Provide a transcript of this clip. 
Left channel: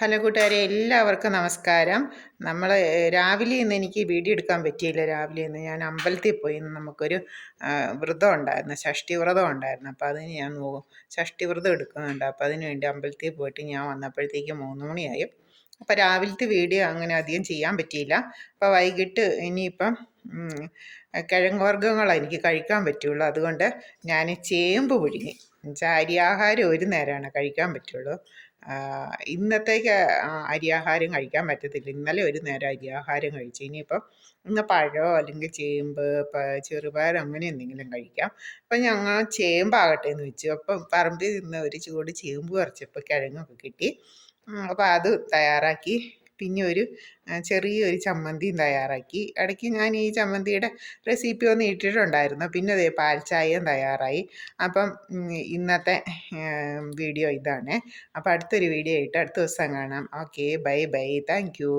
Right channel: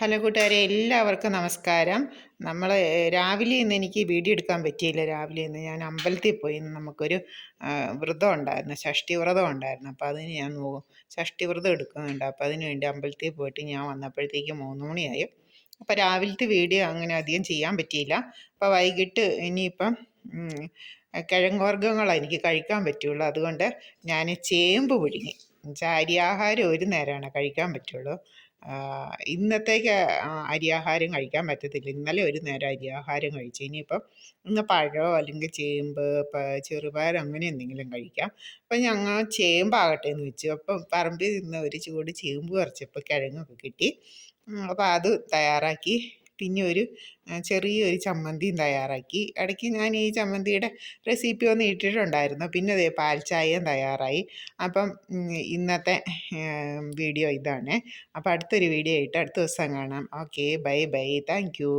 Hello കൂട്ടുകാരെ, എല്ലാവർക്കും നമസ്കാരം. നമ്മൾ രാവിലെ ഇന്ന് എനിക്ക് വീഡിയോ എടുക്കാൻ പറ്റിയില്ല. രാവിലെ ഇന്ന് ഞാൻ അമ്പലത്തിൽ പോയി. ഇന്ന് നമുക്കൊരു വ്രതം ഉണ്ടായിരുന്നു, ഷഷ്ടി വ്രതം ഉണ്ടായിരുന്നു. അപ്പോൾ അതിന് ഞാൻ ഷഷ്ടി വ്രതം എടുക്കുന്നുണ്ട്. അപ്പോൾ അതിന് വേണ്ടി അമ്പലത്തിൽ പോയിട്ട് ഞാൻ വന്നപ്പോഴത്തേക്ക് 3 മണിയായി. അപ്പോൾ രാവിലത്തെ വീഡിയോ അങ്ങനെ അധികം ചെയ്യാൻ പറ്റിയില്ല. അപ്പോൾ വൈകിട്ട് ഇനിയിപ്പം കിഴങ്ങ് വർഗ്ഗങ്ങളാണ് എനിക്ക് കഴിക്കാൻ പറ്റുള്ളൂ. അതുകൊണ്ട് ഞാൻ ചേമ്പ് പുഴുങ്ങി. അരിയാഹാരം ഒരു നേരമാണ് കഴിക്കാൻ പറ്റുള്ളൂ. ഇന്നത്തേക്ക് അരിയാഹാരം കഴിക്കാൻ പറ്റത്തില്ല. ഇന്നലെ ഒരു നേരം അരിയാഹാരം കഴിച്ചു. ഇനിയിപ്പം ഇന്ന് പഴമോ അല്ലെങ്കിൽ ചേമ്പ്, ചെറുപയർ അങ്ങനെ എന്തെങ്കിലും കഴിക്കാം. അപ്പം ഞങ്ങൾ ചേമ്പാകട്ടെ എന്ന് വെച്ചു. അപ്പം പറമ്പിൽ നിന്ന് ഒരു ചൂട് ചേമ്പ് പറിച്ചപ്പോൾ കിഴങ്ങൊക്കെ കിട്ടി. അപ്പോൾ അത് തയ്യാറാക്കി. പിന്നെ ഒരു ചെറിയൊരു ചമ്മന്തിയും തയ്യാറാക്കി. ഇടയ്ക്ക് ഞാൻ ഈ ചമ്മന്തിയുടെ റെസിപ്പി ഒന്ന് ഇട്ടിട്ടുണ്ടായിരുന്നു. പിന്നെ ദേ പാൽച്ചായയും തയ്യാറായി. അപ്പം ഇന്നത്തെ വീഡിയോ ഇതാണ്. അപ്പോൾ അടുത്തൊരു വീഡിയോ ആയിട്ട് അടുത്ത ദിവസം കാണാം. Okay, bye bye, thank you.